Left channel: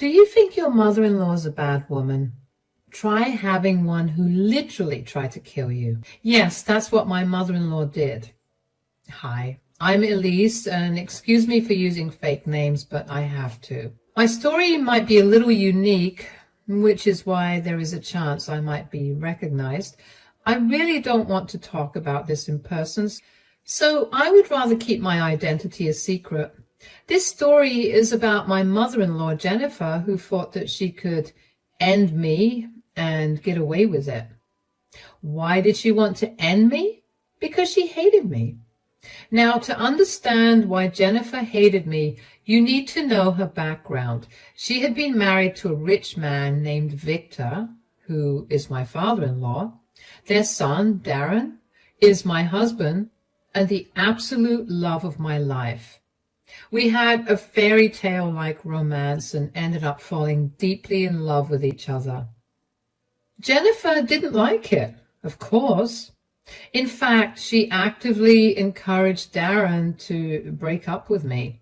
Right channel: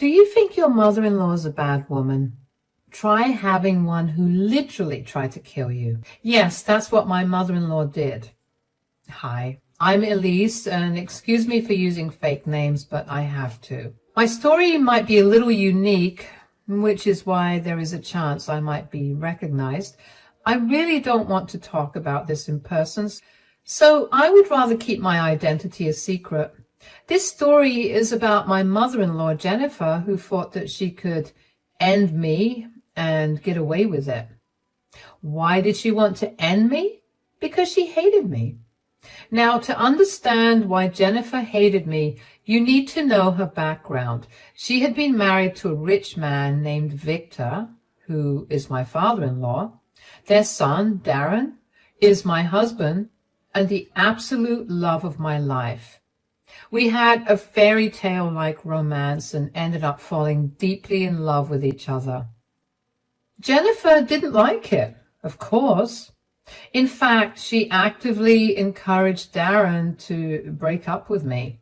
Do you think your mother-in-law is a bad woman? Try having one who literally tried to kill you. Yes, that's what my mother-in-law did. Hi, I'm Elise, and excuse me for using fake names, but I have to. My story might be a little unique, which is why there is a chance I might be recognized. I really don't want to talk about this in person, so I would rather keep my identity a secret. This story is about my mother-in-law, Jennifer, who thought that she could end me and get away with it. Why did she want to end me? Because she hated me. Now, to understand why Jennifer hated me, you need to know her background. She had been married to a rich man named Victor, who is my father-in-law. Their son, Darren, is my husband and the absolute love of my life. We had a fairy tale-like romance and ended up falling deeply in love with each other. Jennifer didn't like it, of course. In fact, she actively encouraged Darren to break up with me.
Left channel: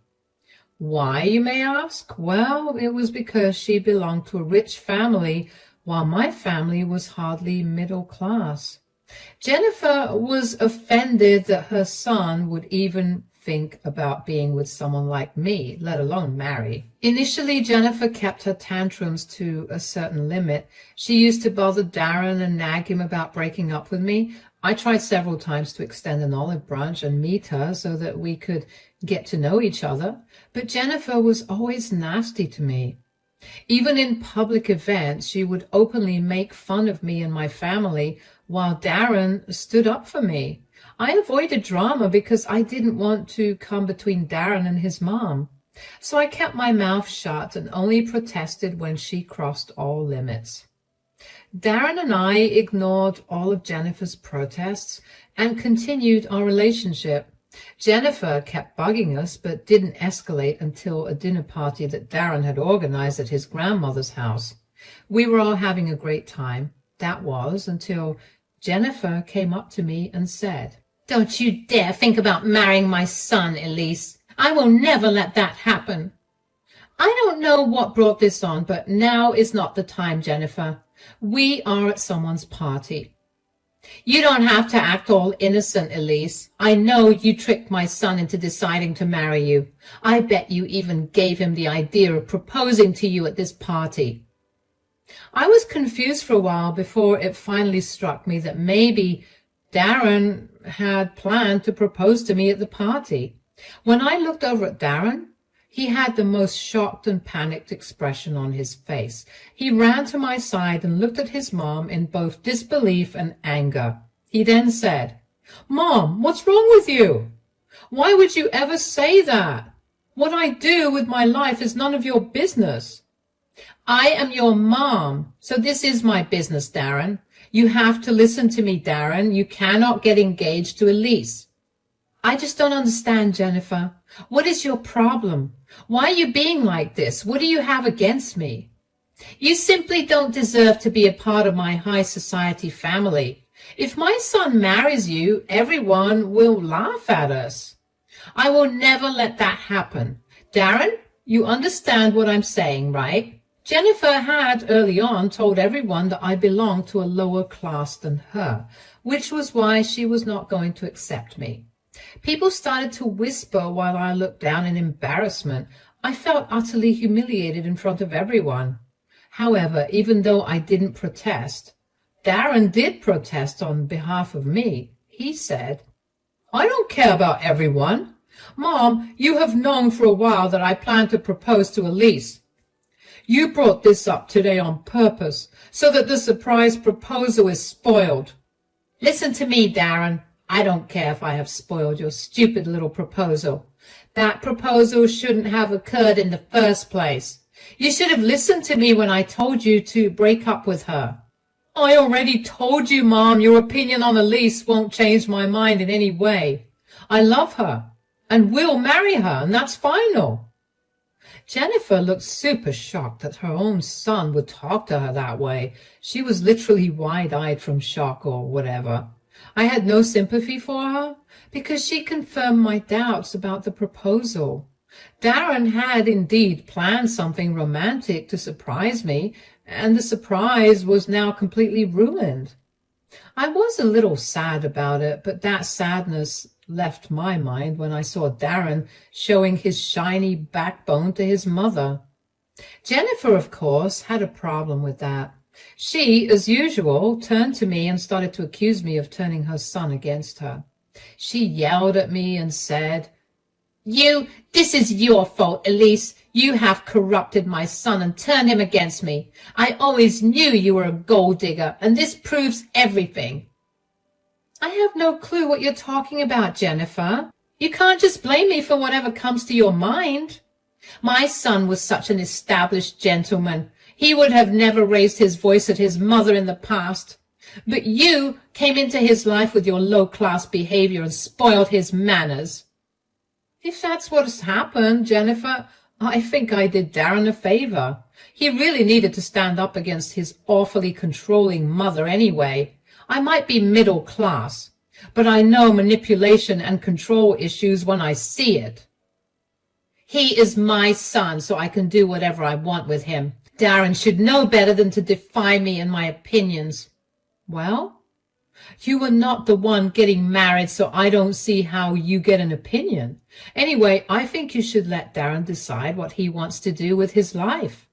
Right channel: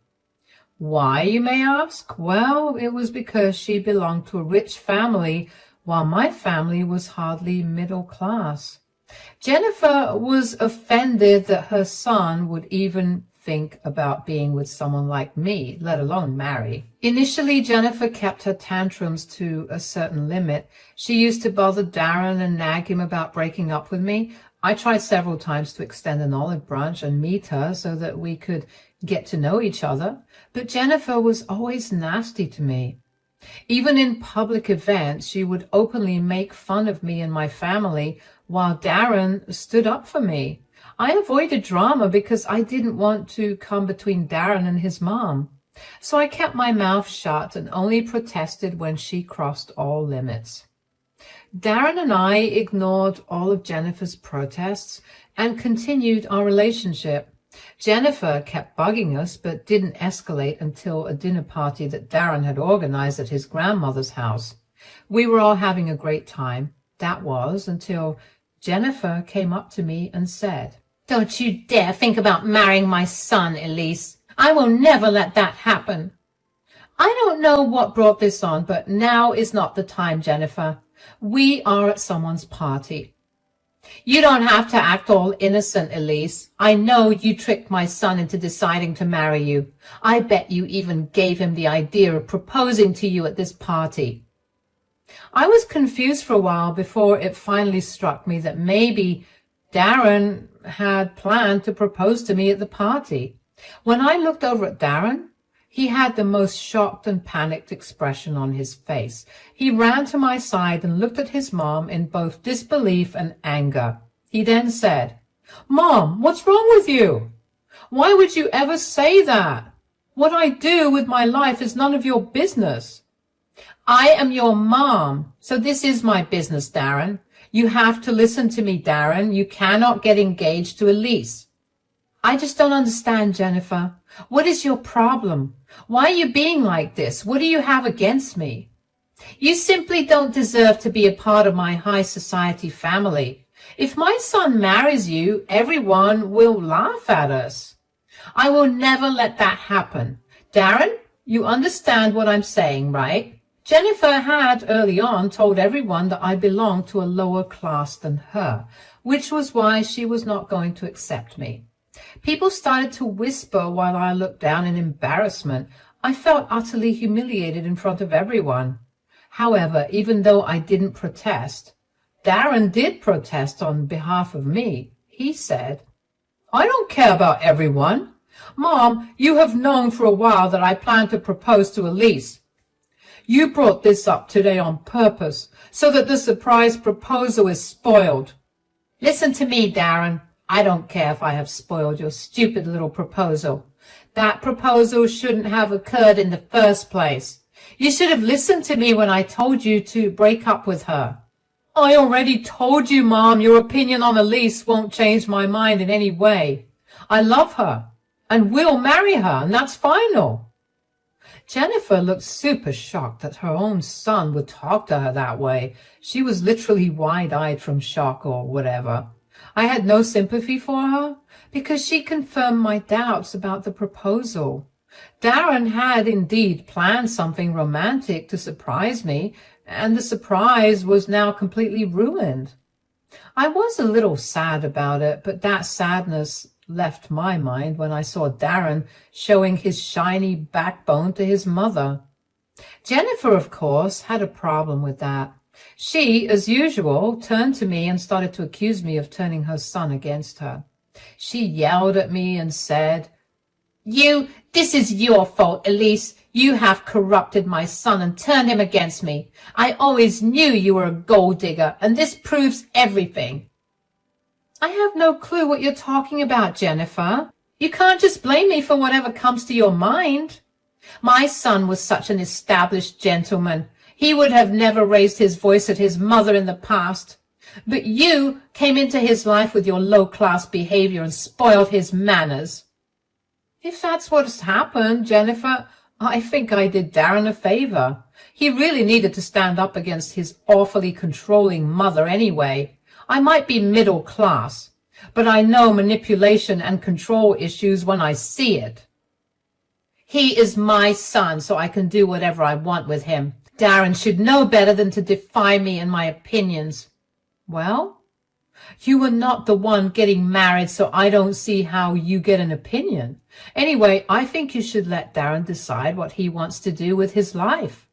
Why, you may ask? Well, it was because she belonged to a rich family while my family was hardly middle class. Jennifer was offended that her son would even think about being with someone like me, let alone marry. Initially, Jennifer kept her tantrums to a certain limit. She used to bother Darren and nag him about breaking up with me. I tried several times to extend an olive branch and meet her so that we could get to know each other, but Jennifer was always nasty to me. Even in public events, she would openly make fun of me and my family while Darren stood up for me. I avoided drama because I didn't want to come between Darren and his mom. So I kept my mouth shut and only protested when she crossed all limits. Darren and I ignored all of Jennifer's protests and continued our relationship. Jennifer kept bugging us but didn't escalate until a dinner party that Darren had organized at his grandmother's house. We were all having a great time. That was until Jennifer came up to me and said, "Don't you dare think about marrying my son, Elise. I will never let that happen." I don't know what brought this on, but now is not the time, Jennifer. We are at someone's party. You don't have to act all innocent, Elise. I know you tricked my son into deciding to marry you. I bet you even gave him the idea of proposing to you at this party. I was confused for a while before it finally struck me that maybe Darren had planned to propose to me at the party. When I looked over at Darren, he had the most shocked and panicked expression on his face. He ran to my side and looked at his mom in both disbelief and anger. He then said, "Mom, what's wrong with you? Why would you ever say that? What I do with my life is none of your business." "I am your mom, so this is my business, Darren. You have to listen to me, Darren. You cannot get engaged to Elise." "I just don't understand, Jennifer. What is your problem? Why are you being like this? What do you have against me?" "You simply don't deserve to be a part of my high society family. If my son marries you, everyone will laugh at us. I will never let that happen. Darren, you understand what I'm saying, right?" Jennifer had early on told everyone that I belonged to a lower class than her, which was why she was not going to accept me. People started to whisper while I looked down in embarrassment. I felt utterly humiliated in front of everyone. However, even though I didn't protest, Darren did protest on behalf of me. He said, "I don't care about everyone. Mom, you have known for a while that I plan to propose to Elise. You brought this up today on purpose so that the surprise proposal is spoiled." "Listen to me, Darren. I don't care if I have spoiled your stupid little proposal. That proposal shouldn't have occurred in the first place. You should have listened to me when I told you to break up with her." "I already told you, Mom, your opinion on Elise won't change my mind in any way. I love her and will marry her, and that's final." Jennifer looked super shocked that her own son would talk to her that way. She was literally wide-eyed from shock or whatever. I had no sympathy for her because she confirmed my doubts about the proposal. Darren had indeed planned something romantic to surprise me, and the surprise was now completely ruined. I was a little sad about it, but that sadness left my mind when I saw Darren showing his shiny backbone to his mother. Jennifer, of course, had a problem with that. She, as usual, turned to me and started to accuse me of turning her son against her. She yelled at me and said, This is your fault, Elise. You have corrupted my son and turned him against me. I always knew you were a gold digger, and this proves everything. I have no clue what you're talking about, Jennifer. You can't just blame me for whatever comes to your mind. My son was such an established gentleman. He would have never raised his voice at his mother in the past. But you came into his life with your low-class behavior and spoiled his manners. If that's what has happened, Jennifer, I think I did Darren a favor. He really needed to stand up against his awfully controlling mother anyway. I might be middle class, but I know manipulation and control issues when I see it. He is my son, so I can do whatever I want with him. Darren should know better than to defy me and my opinions. Well, you were not the one getting married, so I don't see how you get an opinion. Anyway, I think you should let Darren decide what he wants to do with his life.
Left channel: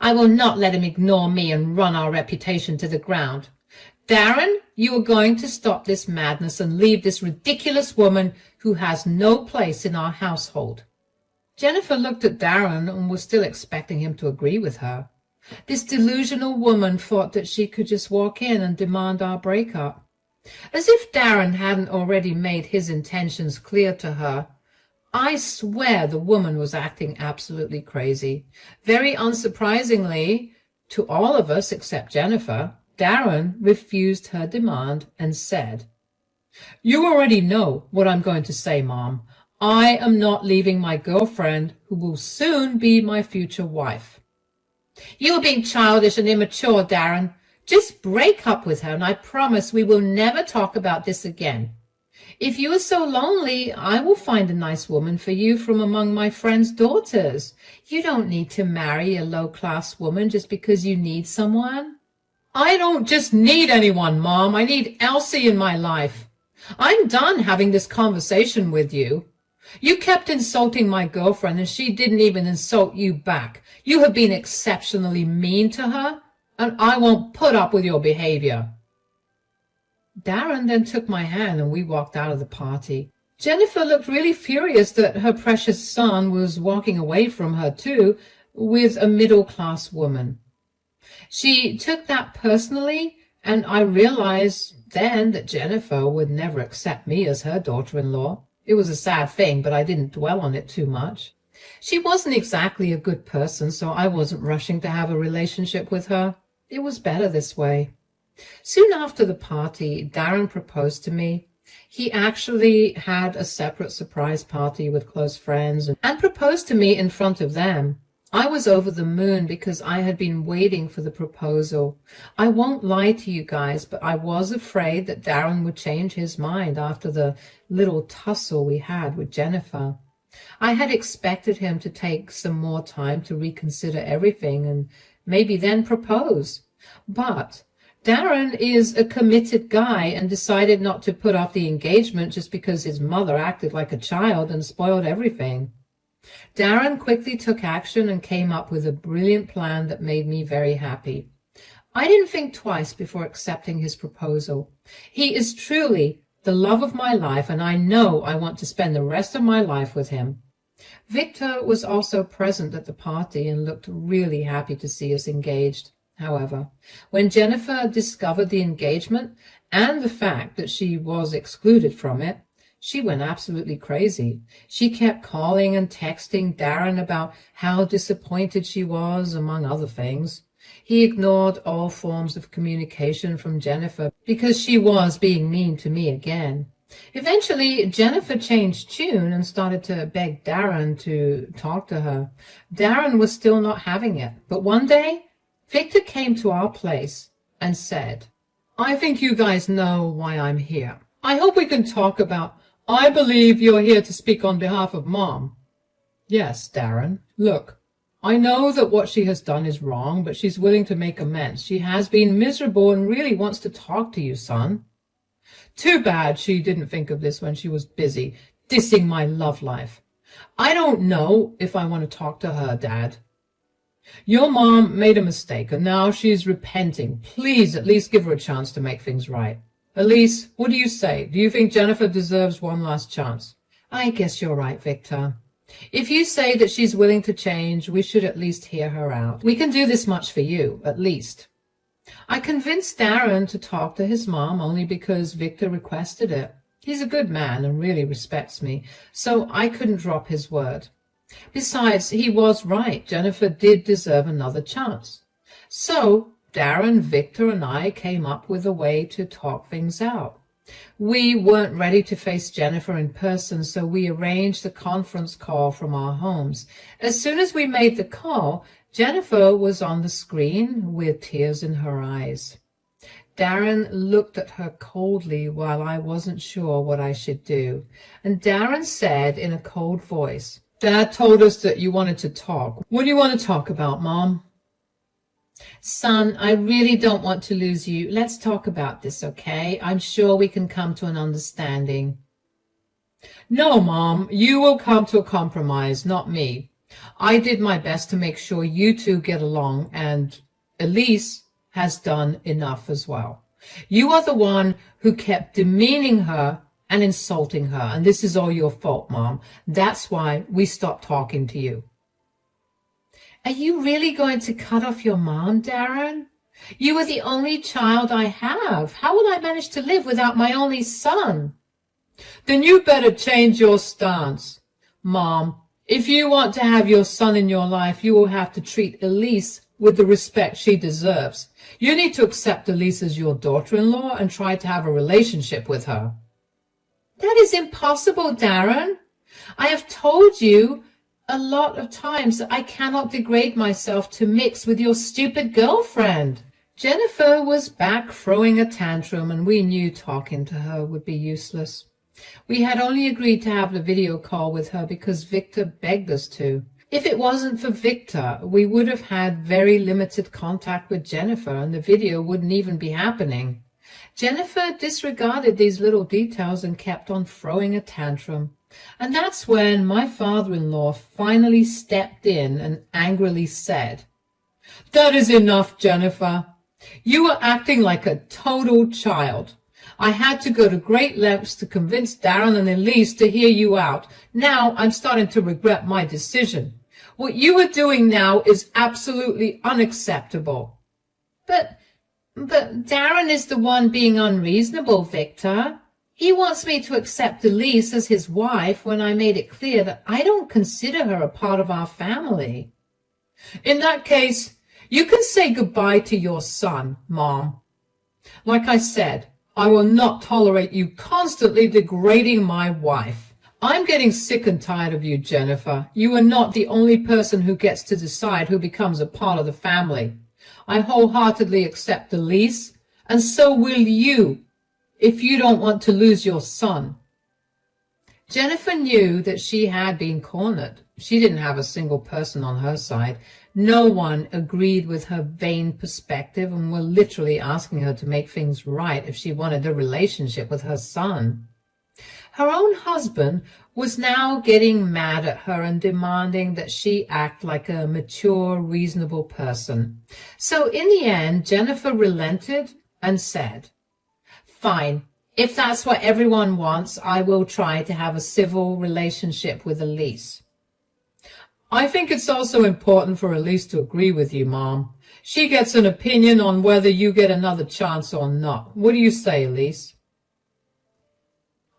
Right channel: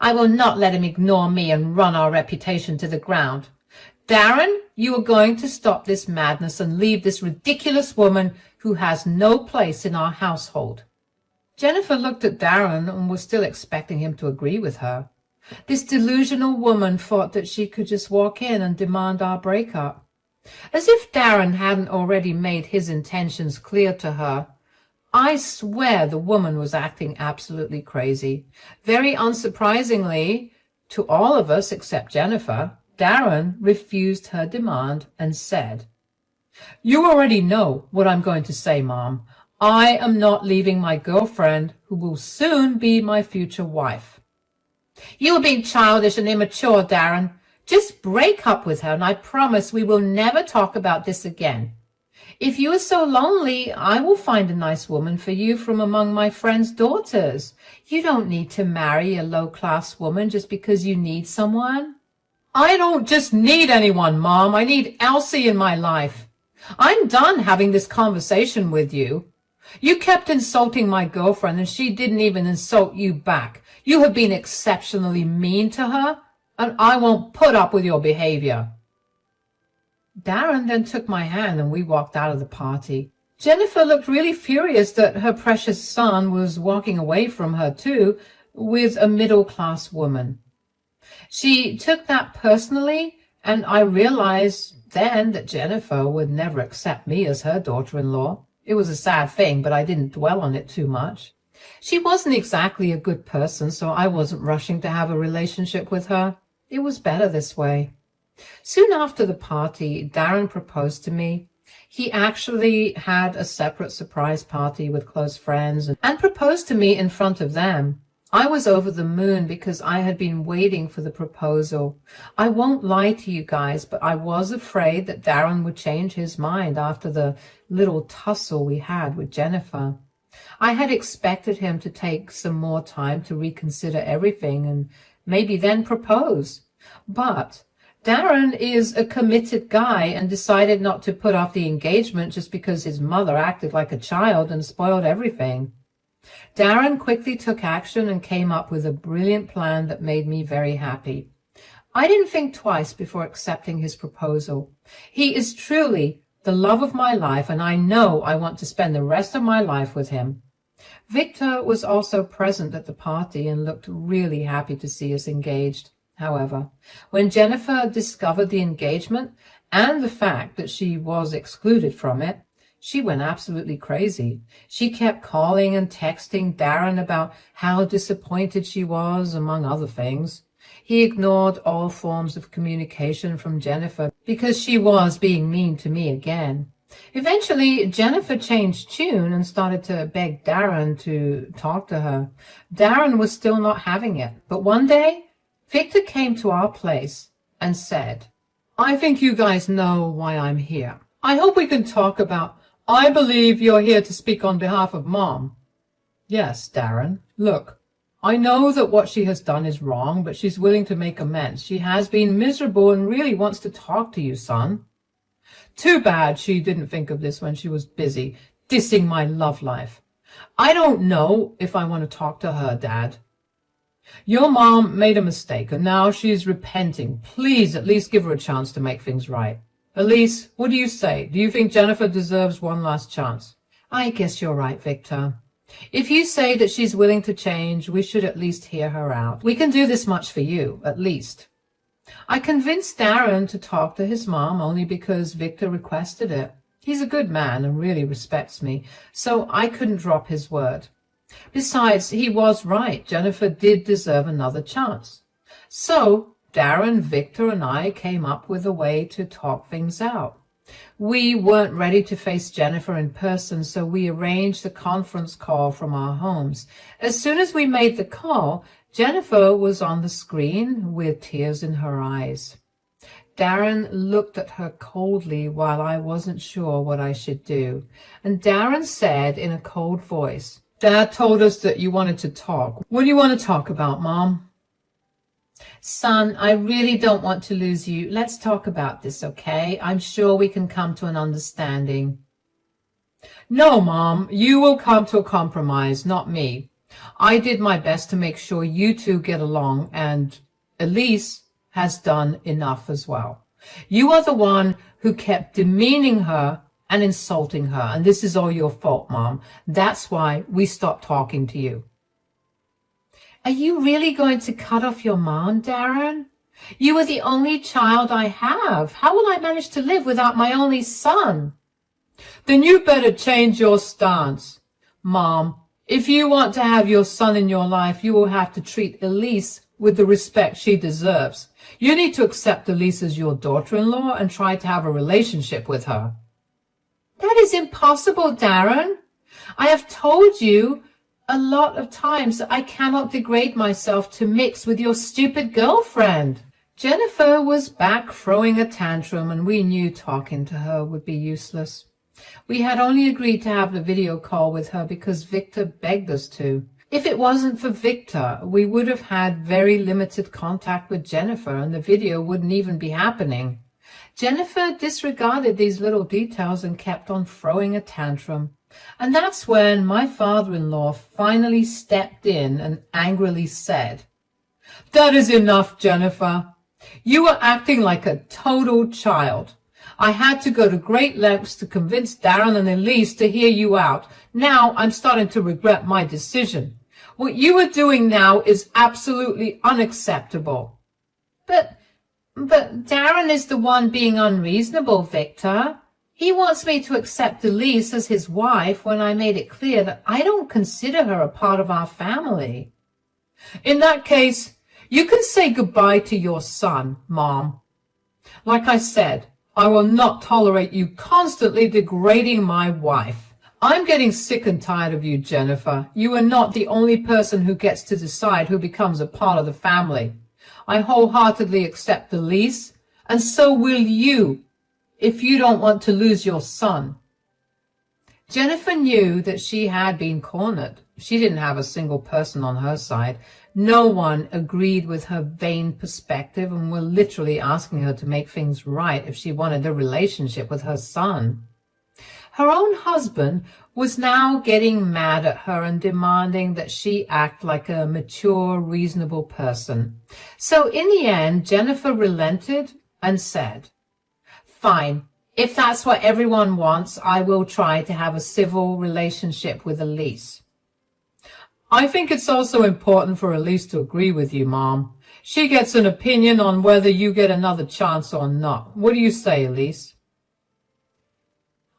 I will not let him ignore me and run our reputation to the ground. Darren, you are going to stop this madness and leave this ridiculous woman who has no place in our household. Jennifer looked at Darren and was still expecting him to agree with her. This delusional woman thought that she could just walk in and demand our breakup. As if Darren hadn't already made his intentions clear to her. I swear the woman was acting absolutely crazy. Very unsurprisingly, to all of us except Jennifer, Darren refused her demand and said, You already know what I'm going to say, Mom. I am not leaving my girlfriend, who will soon be my future wife. You are being childish and immature, Darren. Just break up with her, and I promise we will never talk about this again. If you are so lonely, I will find a nice woman for you from among my friends' daughters. You don't need to marry a low-class woman just because you need someone. I don't just need anyone, Mom. I need Elsie in my life. I'm done having this conversation with you. You kept insulting my girlfriend, and she didn't even insult you back. You have been exceptionally mean to her, and I won't put up with your behavior. Darren then took my hand and we walked out of the party. Jennifer looked really furious that her precious son was walking away from her too, with a middle-class woman. She took that personally, and I realized then that Jennifer would never accept me as her daughter-in-law. It was a sad thing, but I didn't dwell on it too much. She wasn't exactly a good person, so I wasn't rushing to have a relationship with her. It was better this way. Soon after the party, Darren proposed to me. He actually had a separate surprise party with close friends and proposed to me in front of them. I was over the moon because I had been waiting for the proposal. I won't lie to you guys, but I was afraid that Darren would change his mind after the little tussle we had with Jennifer. I had expected him to take some more time to reconsider everything and maybe then propose. But Darren is a committed guy and decided not to put off the engagement just because his mother acted like a child and spoiled everything. Darren quickly took action and came up with a brilliant plan that made me very happy. I didn't think twice before accepting his proposal. He is truly the love of my life, and I know I want to spend the rest of my life with him. Victor was also present at the party and looked really happy to see us engaged. However, when Jennifer discovered the engagement and the fact that she was excluded from it, she went absolutely crazy. She kept calling and texting Darren about how disappointed she was, among other things. He ignored all forms of communication from Jennifer because she was being mean to me again. Eventually, Jennifer changed tune and started to beg Darren to talk to her. Darren was still not having it, but one day, Victor came to our place and said, I think you guys know why I'm here. I hope we can talk about, I believe you're here to speak on behalf of Mom. Yes, Darren, look, I know that what she has done is wrong, but she's willing to make amends. She has been miserable and really wants to talk to you, son. Too bad she didn't think of this when she was busy dissing my love life. I don't know if I want to talk to her, Dad. Your mom made a mistake, and now she's repenting. Please at least give her a chance to make things right. Elise, what do you say? Do you think Jennifer deserves one last chance? I guess you're right, Victor. If you say that she's willing to change, we should at least hear her out. We can do this much for you, at least. I convinced Darren to talk to his mom only because Victor requested it. He's a good man and really respects me, so I couldn't drop his word. Besides, he was right. Jennifer did deserve another chance. So Darren, Victor, and I came up with a way to talk things out. We weren't ready to face Jennifer in person, so we arranged a conference call from our homes. As soon as we made the call, Jennifer was on the screen with tears in her eyes. Darren looked at her coldly while I wasn't sure what I should do. And Darren said in a cold voice, Dad told us that you wanted to talk. What do you want to talk about, Mom? Son, I really don't want to lose you. Let's talk about this, okay? I'm sure we can come to an understanding. No, Mom, you will come to a compromise, not me. I did my best to make sure you two get along, and Elise has done enough as well. You are the one who kept demeaning her and insulting her, and this is all your fault, Mom. That's why we stopped talking to you. Are you really going to cut off your mom, Darren? You are the only child I have. How will I manage to live without my only son? Then you better change your stance. Mom, if you want to have your son in your life, you will have to treat Elise with the respect she deserves. You need to accept Elise as your daughter-in-law and try to have a relationship with her. That is impossible, Darren. I have told you a lot of times that I cannot degrade myself to mix with your stupid girlfriend. Jennifer was back throwing a tantrum, and we knew talking to her would be useless. We had only agreed to have the video call with her because Victor begged us to. If it wasn't for Victor, we would have had very limited contact with Jennifer, and the video wouldn't even be happening. Jennifer disregarded these little details and kept on throwing a tantrum. And that's when my father-in-law finally stepped in and angrily said, That is enough, Jennifer. You are acting like a total child. I had to go to great lengths to convince Darren and Elise to hear you out. Now I'm starting to regret my decision. What you are doing now is absolutely unacceptable. But Darren is the one being unreasonable, Victor. He wants me to accept Elise as his wife when I made it clear that I don't consider her a part of our family. In that case, you can say goodbye to your son, Mom. Like I said, I will not tolerate you constantly degrading my wife. I'm getting sick and tired of you, Jennifer. You are not the only person who gets to decide who becomes a part of the family. I wholeheartedly accept Elise, and so will you, if you don't want to lose your son. Jennifer knew that she had been cornered. She didn't have a single person on her side. No one agreed with her vain perspective and were literally asking her to make things right if she wanted a relationship with her son. Her own husband was now getting mad at her and demanding that she act like a mature, reasonable person. So in the end, Jennifer relented and said, Fine, if that's what everyone wants, I will try to have a civil relationship with Elise. I think it's also important for Elise to agree with you, Mom. She gets an opinion on whether you get another chance or not. What do you say, Elise?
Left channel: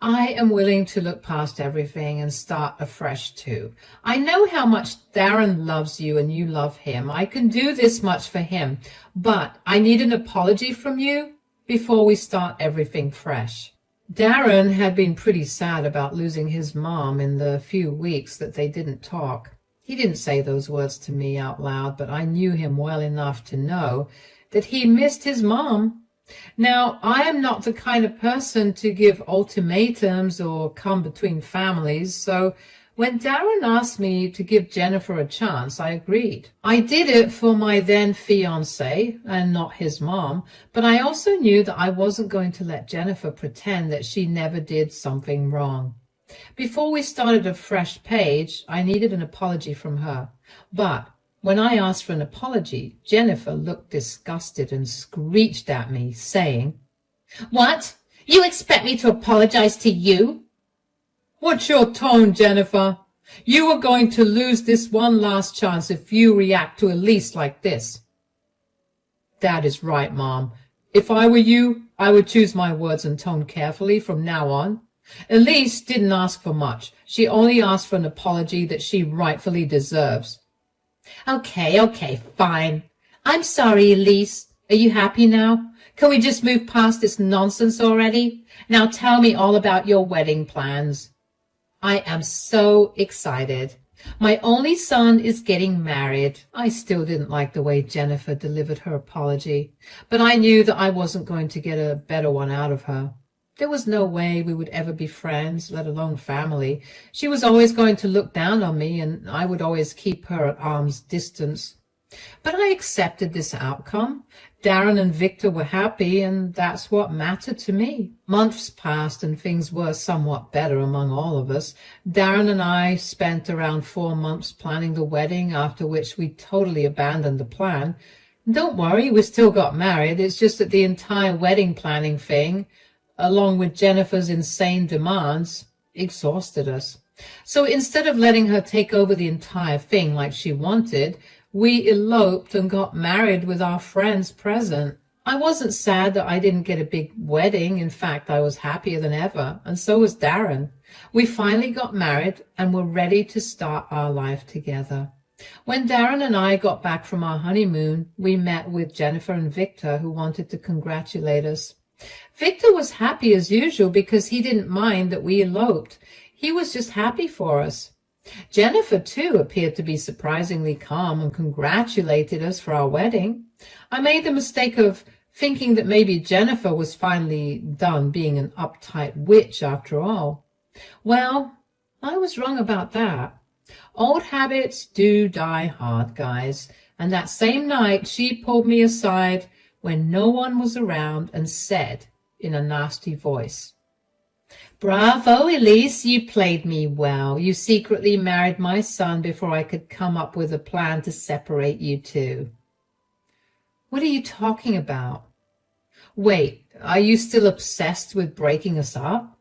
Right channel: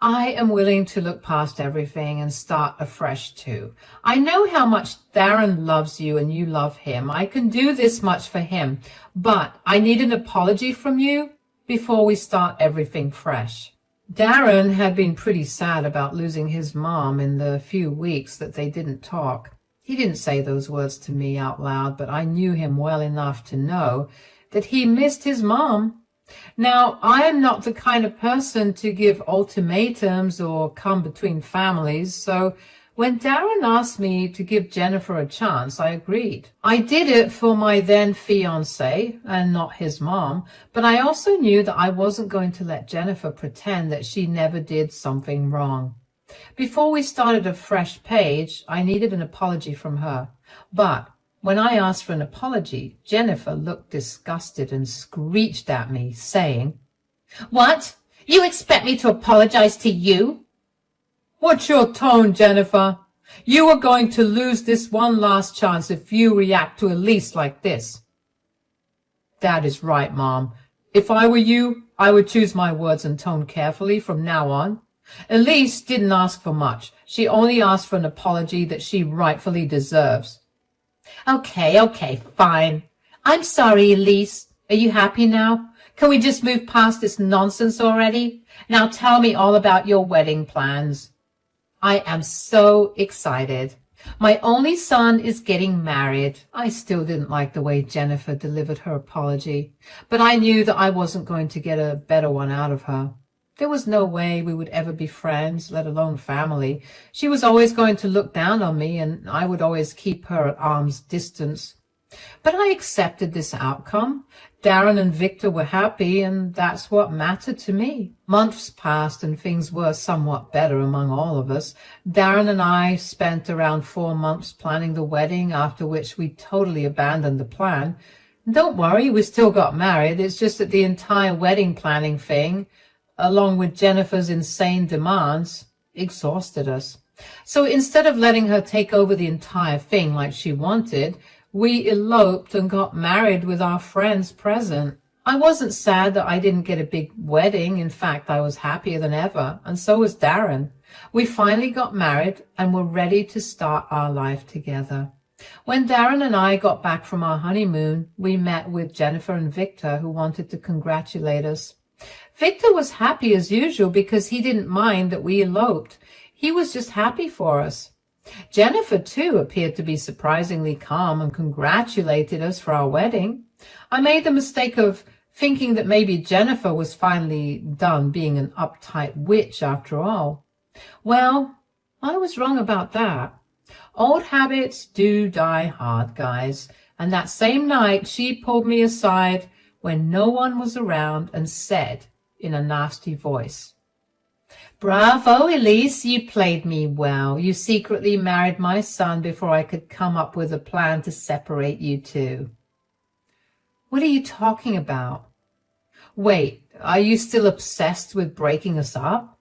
I am willing to look past everything and start afresh too. I know how much Darren loves you and you love him. I can do this much for him, but I need an apology from you before we start everything fresh. Darren had been pretty sad about losing his mom in the few weeks that they didn't talk. He didn't say those words to me out loud, but I knew him well enough to know that he missed his mom. Now, I am not the kind of person to give ultimatums or come between families, so When Darren asked me to give Jennifer a chance, I agreed. I did it for my then fiancé and not his mom, but I also knew that I wasn't going to let Jennifer pretend that she never did something wrong. Before we started a fresh page, I needed an apology from her. But when I asked for an apology, Jennifer looked disgusted and screeched at me, saying, "What? You expect me to apologize to you?" "What's your tone, Jennifer? You are going to lose this one last chance if you react to Elise like this." "That is right, Mom. If I were you, I would choose my words and tone carefully from now on. Elise didn't ask for much. She only asked for an apology that she rightfully deserves." Okay, fine. I'm sorry, Elise. Are you happy now? Can we just move past this nonsense already? Now tell me all about your wedding plans." "I am so excited. My only son is getting married." I still didn't like the way Jennifer delivered her apology, but I knew that I wasn't going to get a better one out of her. There was no way we would ever be friends, let alone family. She was always going to look down on me, and I would always keep her at arm's distance. But I accepted this outcome. Darren and Victor were happy, and that's what mattered to me. Months passed, and things were somewhat better among all of us. Darren and I spent around 4 months planning the wedding, after which we totally abandoned the plan. Don't worry, we still got married. It's just that the entire wedding planning thing, along with Jennifer's insane demands, exhausted us. So instead of letting her take over the entire thing like she wanted, we eloped and got married with our friends present. I wasn't sad that I didn't get a big wedding. In fact, I was happier than ever, and so was Darren. We finally got married and were ready to start our life together. When Darren and I got back from our honeymoon, we met with Jennifer and Victor, who wanted to congratulate us. Victor was happy as usual because he didn't mind that we eloped. He was just happy for us. Jennifer, too, appeared to be surprisingly calm and congratulated us for our wedding. I made the mistake of thinking that maybe Jennifer was finally done being an uptight witch after all. Well, I was wrong about that. Old habits do die hard, guys, and that same night she pulled me aside when no one was around and said in a nasty voice, "Bravo, Elise, you played me well. You secretly married my son before I could come up with a plan to separate you two." "What are you talking about? Wait, are you still obsessed with breaking us up?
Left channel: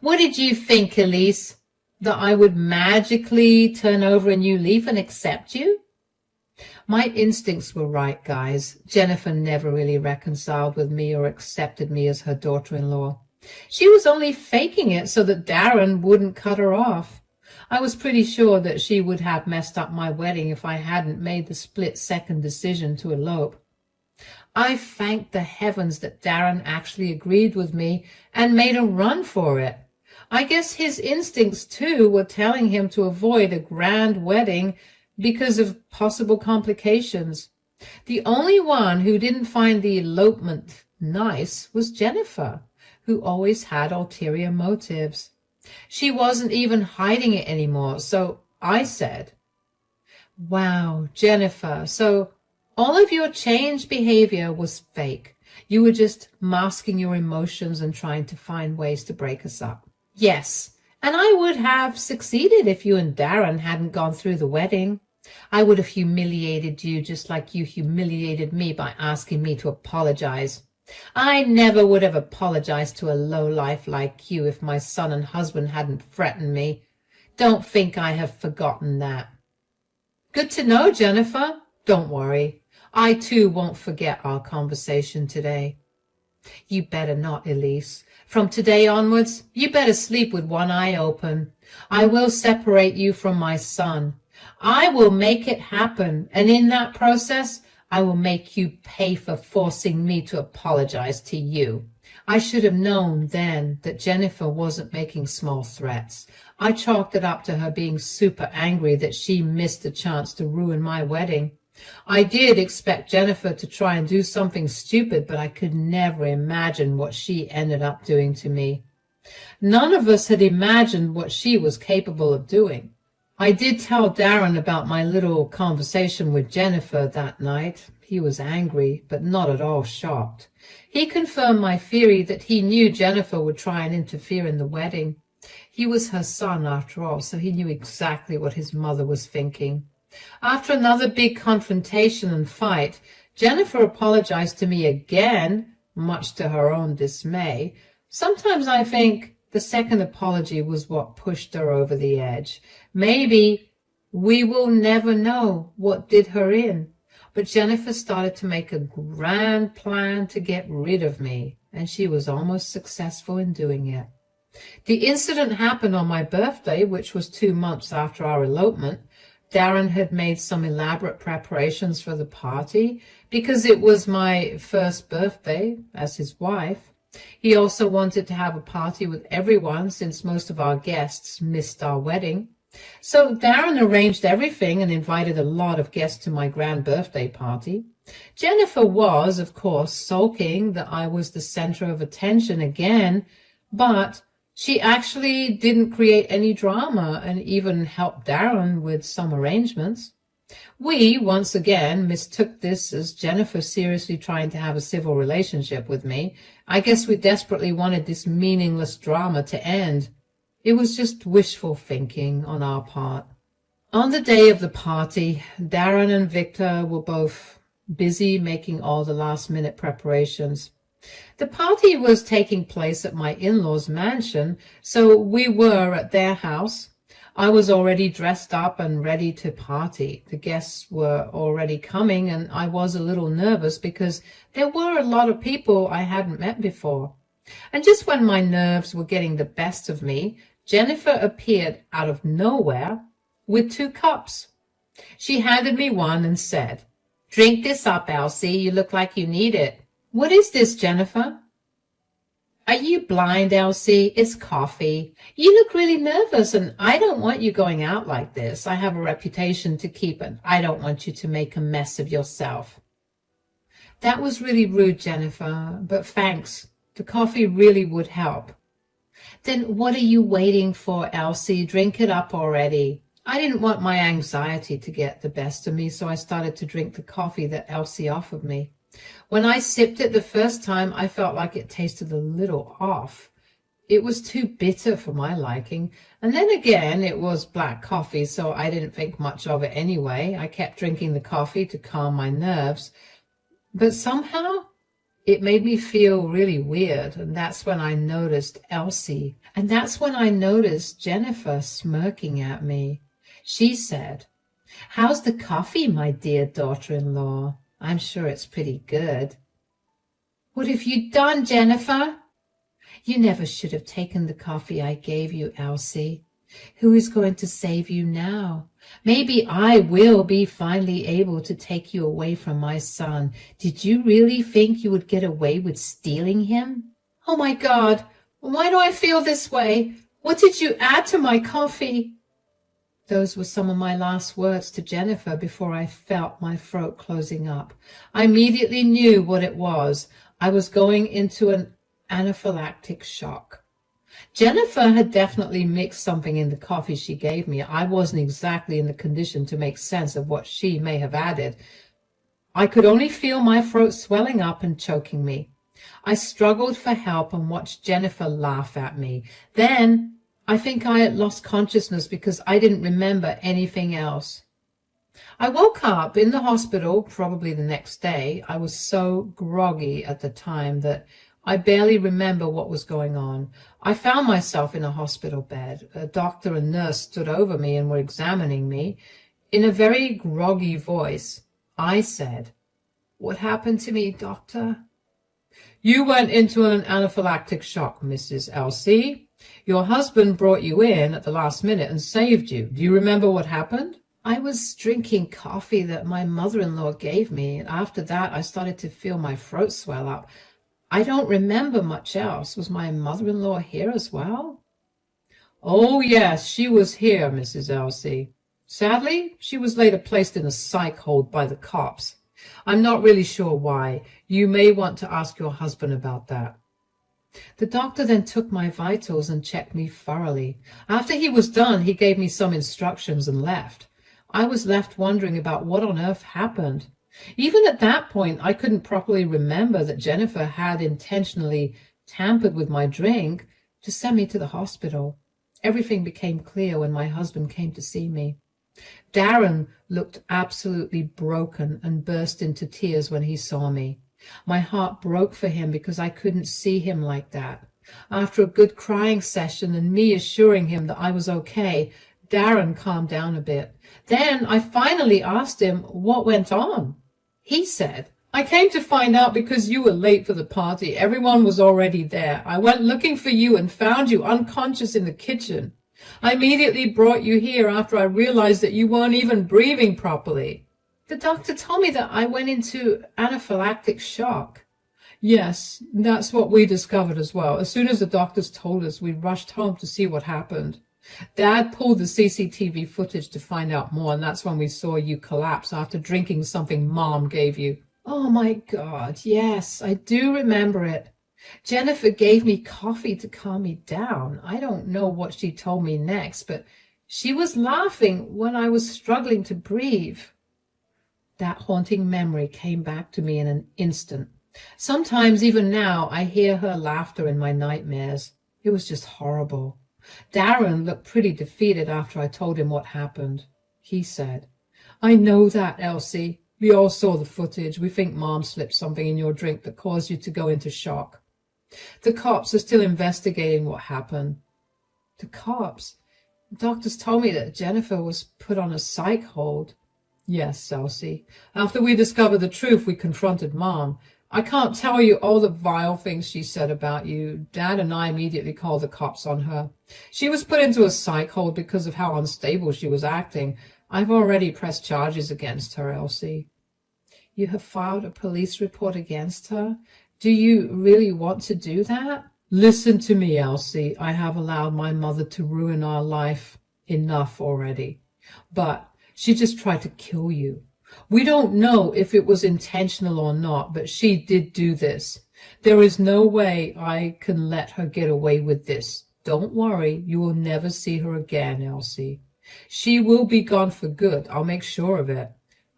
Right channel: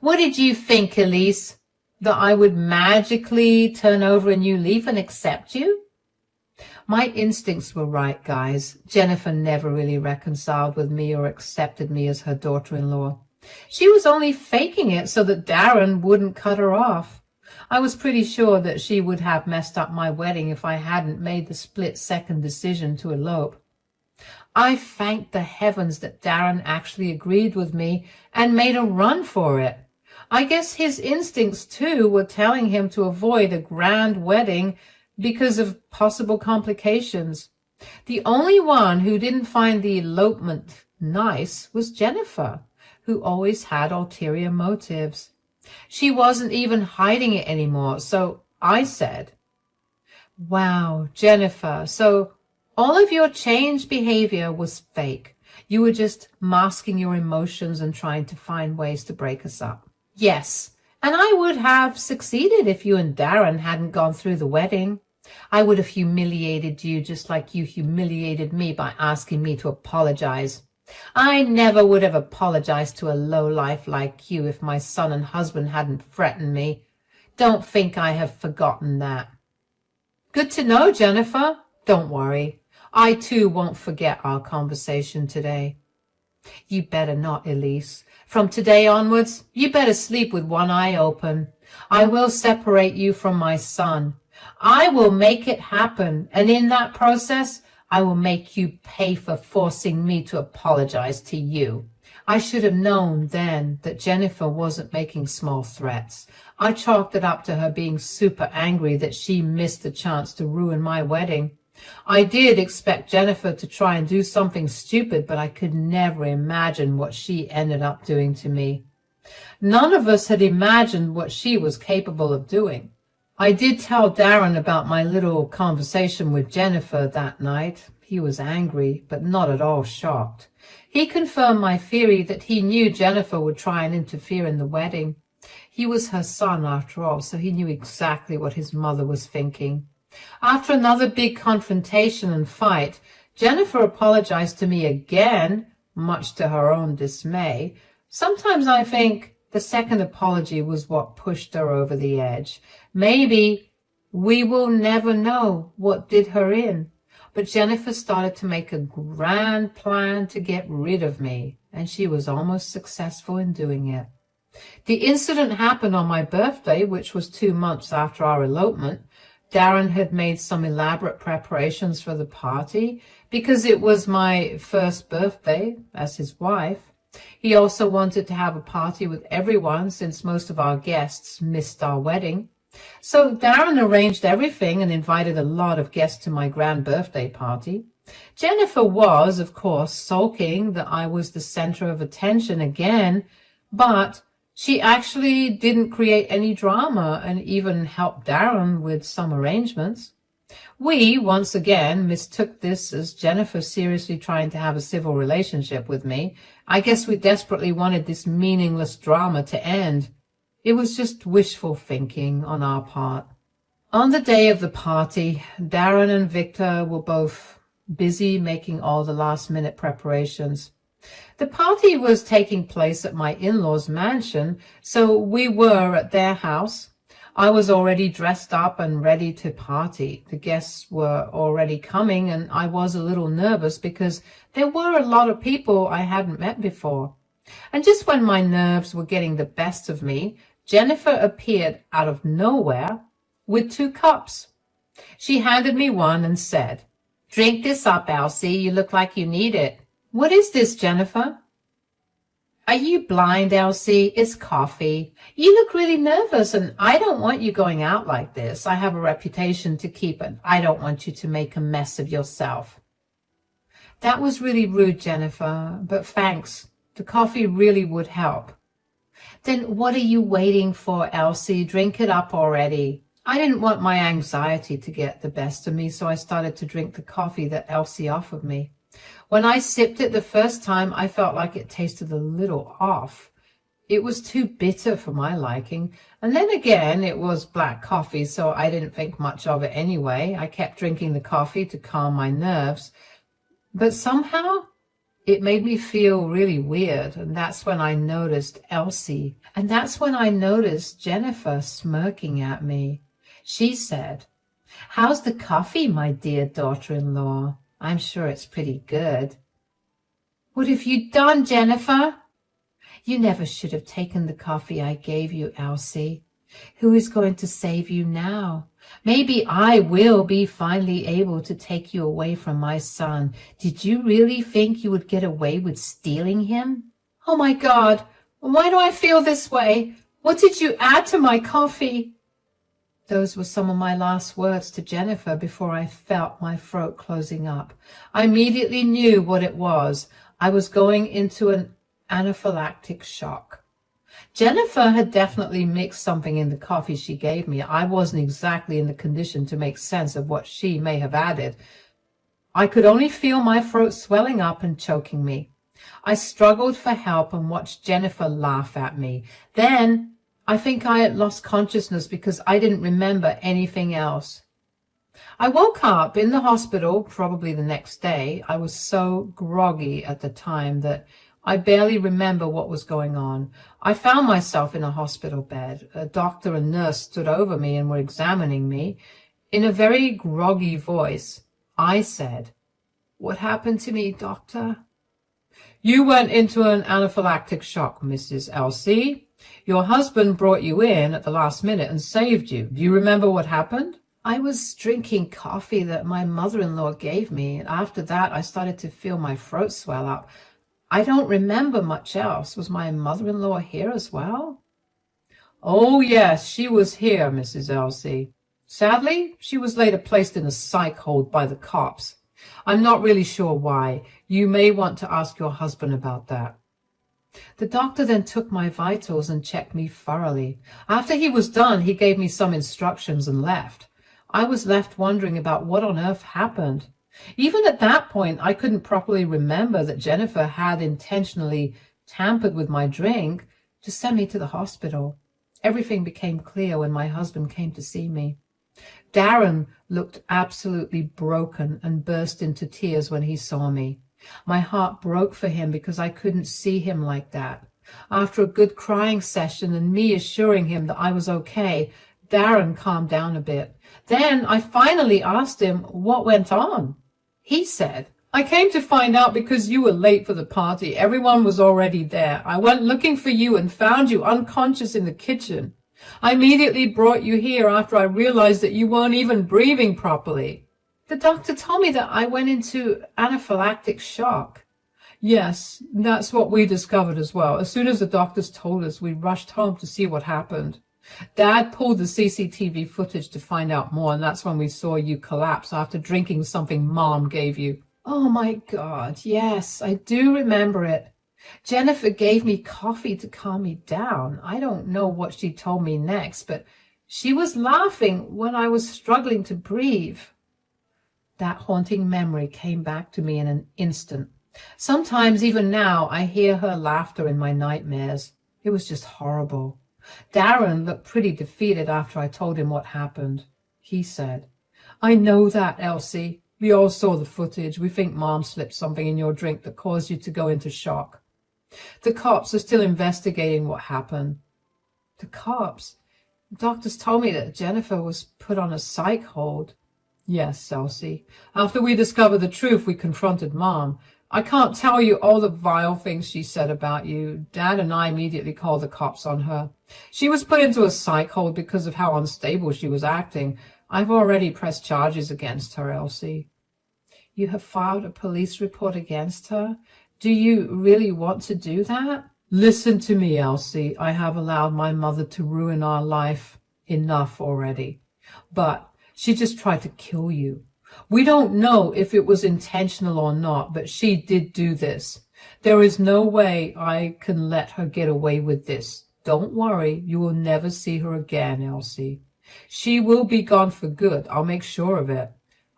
What did you think, Elise? That I would magically turn over a new leaf and accept you?" My instincts were right, guys. Jennifer never really reconciled with me or accepted me as her daughter-in-law. She was only faking it so that Darren wouldn't cut her off. I was pretty sure that she would have messed up my wedding if I hadn't made the split-second decision to elope. I thanked the heavens that Darren actually agreed with me and made a run for it. I guess his instincts, too, were telling him to avoid a grand wedding because of possible complications. The only one who didn't find the elopement nice was Jennifer, who always had ulterior motives. She wasn't even hiding it anymore, so I said, "Wow, Jennifer, so all of your changed behavior was fake. You were just masking your emotions and trying to find ways to break us up." "Yes, and I would have succeeded if you and Darren hadn't gone through the wedding. I would have humiliated you just like you humiliated me by asking me to apologize. I never would have apologized to a lowlife like you if my son and husband hadn't threatened me. Don't think I have forgotten that." "Good to know, Jennifer. Don't worry. I too won't forget our conversation today." "You better not, Elise. From today onwards, you better sleep with one eye open. I will separate you from my son. I will make it happen, and in that process, I will make you pay for forcing me to apologize to you." I should have known then that Jennifer wasn't making small threats. I chalked it up to her being super angry that she missed a chance to ruin my wedding. I did expect Jennifer to try and do something stupid, but I could never imagine what she ended up doing to me. None of us had imagined what she was capable of doing. I did tell Darren about my little conversation with Jennifer that night. He was angry, but not at all shocked. He confirmed my theory that he knew Jennifer would try and interfere in the wedding. He was her son, after all, so he knew exactly what his mother was thinking. After another big confrontation and fight, Jennifer apologized to me again, much to her own dismay. Sometimes I think the second apology was what pushed her over the edge. Maybe we will never know what did her in. But Jennifer started to make a grand plan to get rid of me, and she was almost successful in doing it. The incident happened on my birthday, which was 2 months after our elopement. Darren had made some elaborate preparations for the party because it was my first birthday as his wife. He also wanted to have a party with everyone since most of our guests missed our wedding. So Darren arranged everything and invited a lot of guests to my grand birthday party. Jennifer was, of course, sulking that I was the center of attention again, but she actually didn't create any drama and even helped Darren with some arrangements. We, once again, mistook this as Jennifer seriously trying to have a civil relationship with me. I guess we desperately wanted this meaningless drama to end. It was just wishful thinking on our part. On the day of the party, Darren and Victor were both busy making all the last-minute preparations. The party was taking place at my in-laws' mansion, so we were at their house. I was already dressed up and ready to party. The guests were already coming, and I was a little nervous because there were a lot of people I hadn't met before. And just when my nerves were getting the best of me, Jennifer appeared out of nowhere with 2 cups. She handed me one and said, "Drink this up, Elsie. You look like you need it." "What is this, Jennifer?" "Are you blind, Elsie? It's coffee. You look really nervous, and I don't want you going out like this. I have a reputation to keep, and I don't want you to make a mess of yourself." "That was really rude, Jennifer, but thanks. The coffee really would help." "Then what are you waiting for, Elsie? Drink it up already." I didn't want my anxiety to get the best of me, so I started to drink the coffee that Elsie offered me. When I sipped it the first time, I felt like it tasted a little off. It was too bitter for my liking. And then again, it was black coffee, so I didn't think much of it anyway. I kept drinking the coffee to calm my nerves. But somehow, it made me feel really weird, and that's when I noticed Elsie. And that's when I noticed Jennifer smirking at me. She said, "How's the coffee, my dear daughter-in-law? I'm sure it's pretty good." "What have you done, Jennifer?" "You never should have taken the coffee I gave you, Elsie. Who is going to save you now? Maybe I will be finally able to take you away from my son. Did you really think you would get away with stealing him?" "Oh my God, why do I feel this way? What did you add to my coffee?" Those were some of my last words to Jennifer before I felt my throat closing up. I immediately knew what it was. I was going into an anaphylactic shock. Jennifer had definitely mixed something in the coffee she gave me. I wasn't exactly in the condition to make sense of what she may have added. I could only feel my throat swelling up and choking me. I struggled for help and watched Jennifer laugh at me. Then I think I had lost consciousness because I didn't remember anything else. I woke up in the hospital probably the next day. I was so groggy at the time that I barely remember what was going on. I found myself in a hospital bed. A doctor and nurse stood over me and were examining me. In a very groggy voice, I said, "What happened to me, doctor?" "You went into an anaphylactic shock, Mrs. Elsie. Your husband brought you in at the last minute and saved you. Do you remember what happened?" "I was drinking coffee that my mother-in-law gave me, and after that I started to feel my throat swell up. I don't remember much else. Was my mother-in-law here as well?" "Oh, yes, she was here, Mrs. Elsie. Sadly, she was later placed in a psych hold by the cops. I'm not really sure why. You may want to ask your husband about that." The doctor then took my vitals and checked me thoroughly. After he was done, he gave me some instructions and left. I was left wondering about what on earth happened. Even at that point, I couldn't properly remember that Jennifer had intentionally tampered with my drink to send me to the hospital. Everything became clear when my husband came to see me. Darren looked absolutely broken and burst into tears when he saw me. My heart broke for him because I couldn't see him like that. After a good crying session and me assuring him that I was okay, Darren calmed down a bit. Then I finally asked him what went on. He said, "I came to find out because you were late for the party. Everyone was already there. I went looking for you and found you unconscious in the kitchen. I immediately brought you here after I realized that you weren't even breathing properly. The doctor told me that I went into anaphylactic shock." Yes, that's what we discovered as well. As soon as the doctors told us, we rushed home to see what happened. Dad pulled the CCTV footage to find out more, and that's when we saw you collapse after drinking something Mom gave you. Oh my God, yes, I do remember it. Jennifer gave me coffee to calm me down. I don't know what she told me next, but she was laughing when I was struggling to breathe. That haunting memory came back to me in an instant. Sometimes, even now, I hear her laughter in my nightmares. It was just horrible. Darren looked pretty defeated after I told him what happened. He said, "I know that, Elsie. We all saw the footage. We think Mom slipped something in your drink that caused you to go into shock. The cops are still investigating what happened." The cops? The doctors told me that Jennifer was put on a psych hold. Yes, Elsie. After we discovered the truth, we confronted Mom. I can't tell you all the vile things she said about you. Dad and I immediately called the cops on her. She was put into a psych hold because of how unstable she was acting. I've already pressed charges against her, Elsie. You have filed a police report against her? Do you really want to do that? Listen to me, Elsie. I have allowed my mother to ruin our life enough already. But she just tried to kill you. We don't know if it was intentional or not, but she did do this. There is no way I can let her get away with this. Don't worry, you will never see her again, Elsie. She will be gone for good. I'll make sure of it.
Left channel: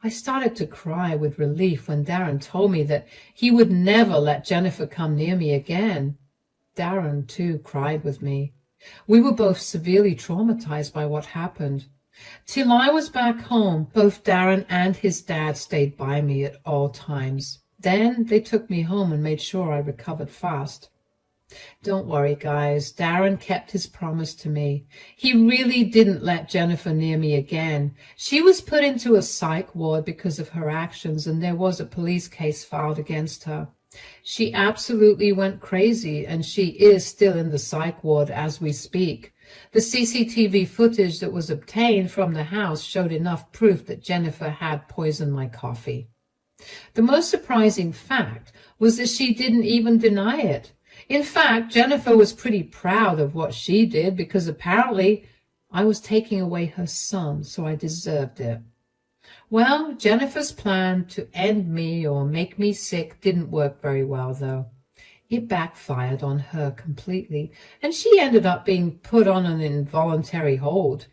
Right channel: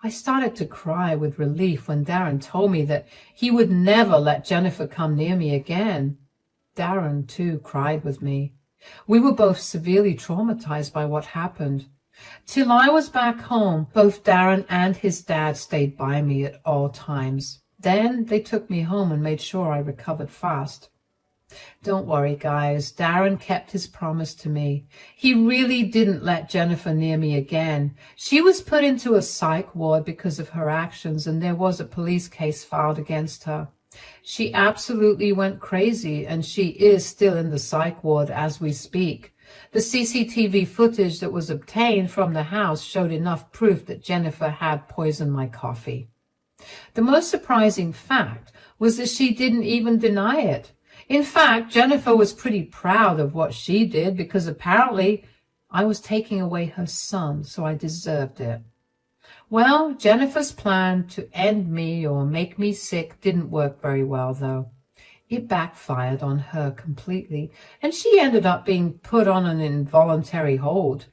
I started to cry with relief when Darren told me that he would never let Jennifer come near me again. Darren, too, cried with me. We were both severely traumatized by what happened. Till I was back home, both Darren and his dad stayed by me at all times. Then they took me home and made sure I recovered fast. Don't worry, guys. Darren kept his promise to me. He really didn't let Jennifer near me again. She was put into a psych ward because of her actions, and there was a police case filed against her. She absolutely went crazy, and she is still in the psych ward as we speak. The CCTV footage that was obtained from the house showed enough proof that Jennifer had poisoned my coffee. The most surprising fact was that she didn't even deny it. In fact, Jennifer was pretty proud of what she did because apparently I was taking away her son, so I deserved it. Well, Jennifer's plan to end me or make me sick didn't work very well, though. It backfired on her completely, and she ended up being put on an involuntary hold.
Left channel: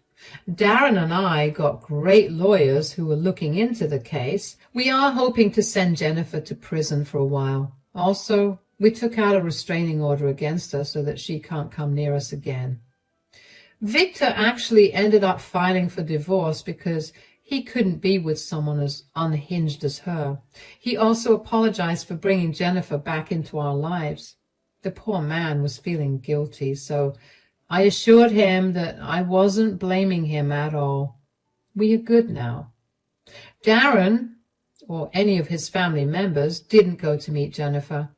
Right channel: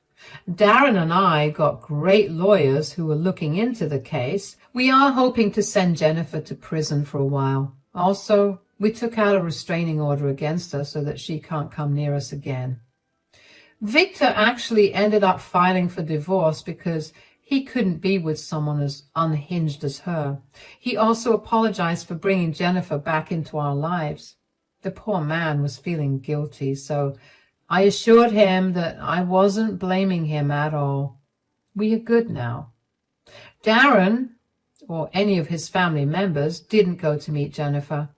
Darren and I got great lawyers who were looking into the case. We are hoping to send Jennifer to prison for a while. Also, we took out a restraining order against her so that she can't come near us again. Victor actually ended up filing for divorce because he couldn't be with someone as unhinged as her. He also apologized for bringing Jennifer back into our lives. The poor man was feeling guilty, so I assured him that I wasn't blaming him at all. We are good now. Darren, or any of his family members, didn't go to meet Jennifer.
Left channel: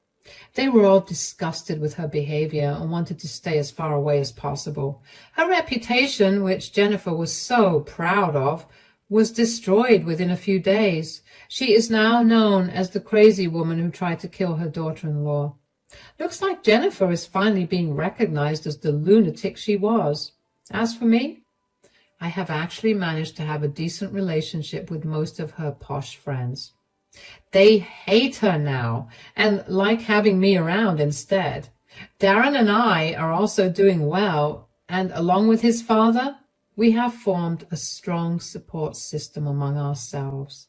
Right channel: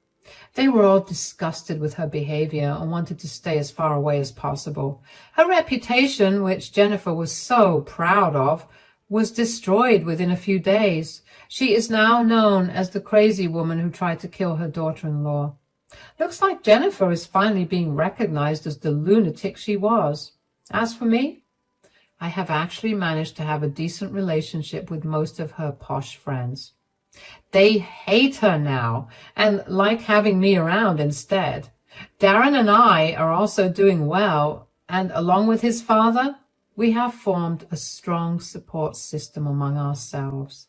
They were all disgusted with her behavior and wanted to stay as far away as possible. Her reputation, which Jennifer was so proud of, was destroyed within a few days. She is now known as the crazy woman who tried to kill her daughter-in-law. Looks like Jennifer is finally being recognized as the lunatic she was. As for me, I have actually managed to have a decent relationship with most of her posh friends. They hate her now and like having me around instead. Darren and I are also doing well, and along with his father, we have formed a strong support system among ourselves.